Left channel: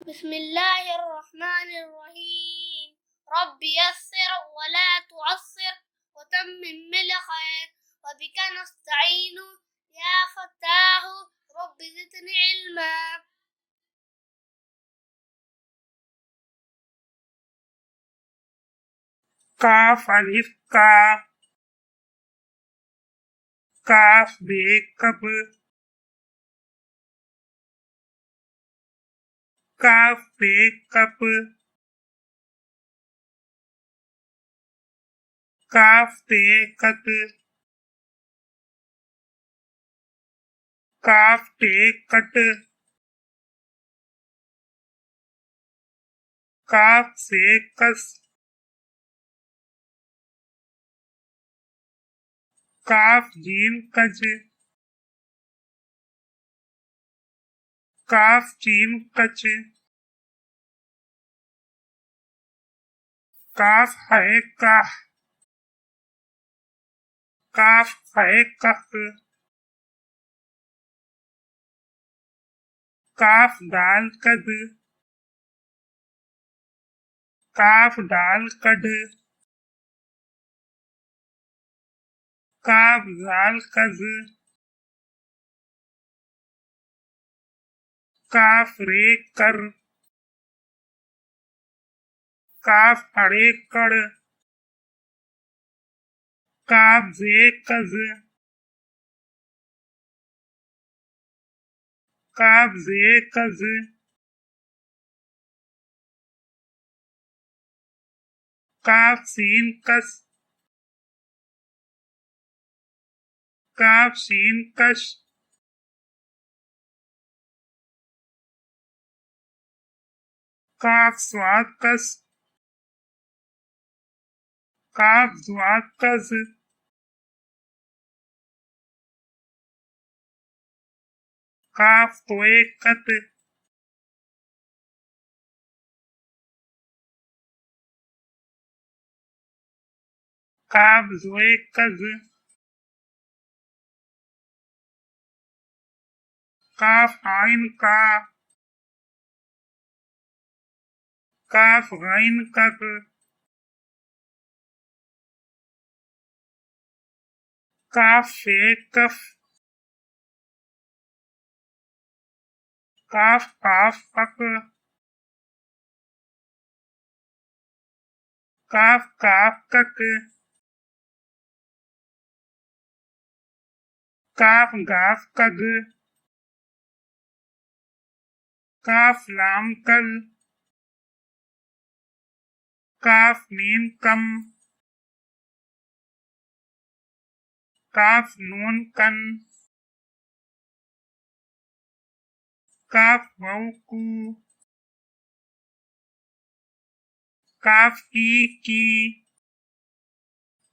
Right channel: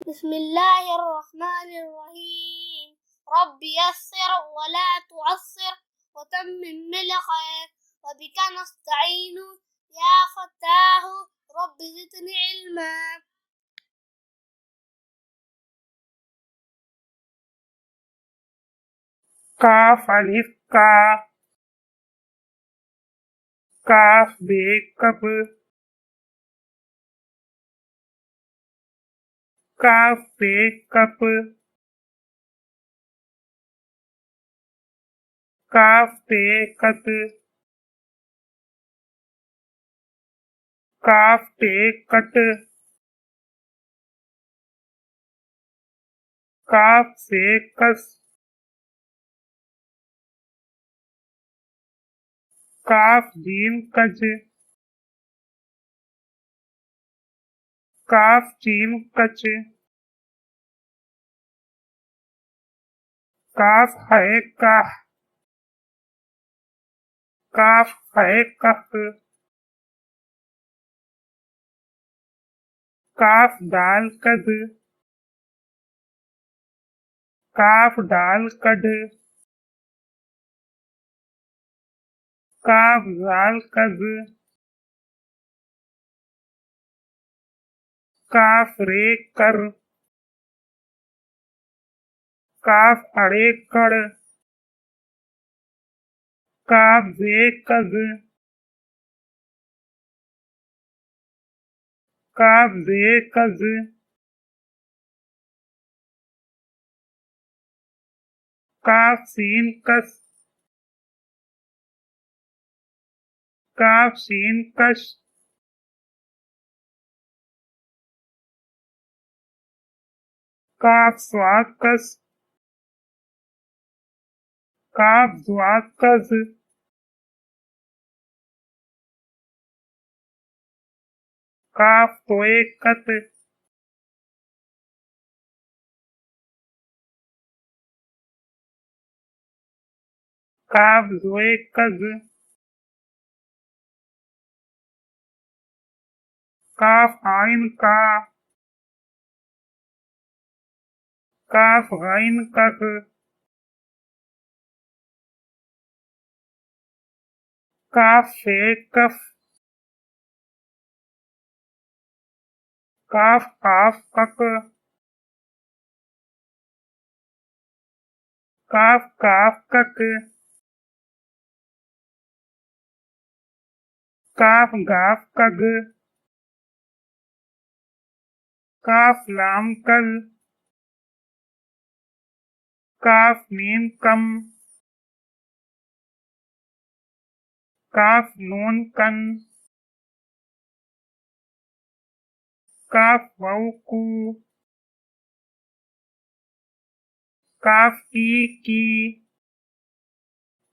बिस्मिल्लाहिर्रहमानिर्रहीम। रब्बि यस्सिर वला तुअस्सिर वतम्मिम बिलखैर वबिका नस्तईनु या फत्ताहु रब्बि ज़िदनी इल्मा। काफ अलिफ का, काफ बे कब, काफ बे कप, काफ ते कत, काफ ते कट, काफ से कस, काफ जीम कज, काफ जीम कच, काफ है काह, काफ है कफ, काफ दाल कद, काफ डाल कड, काफ जाल कज, काफ रे कर, काफ अड़े कड़, काफ जे कज, काफ जे कज, काफ सीन कस, काफ शीन कश, काफ स्वाद कस, काफ स्वाद कस, काफ तोए कत, काफ जोए कज, काफ आइन का, काफ गैन कफ, काफ फे कफ, काफ काफ कक, काफ काफ कक, काफ गाफ कग, काफ लाम कल, काफ मीम कम, काफ नून कन, काफ वाउ कू, काफ ई की,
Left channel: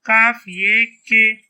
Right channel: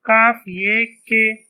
काफ ये के।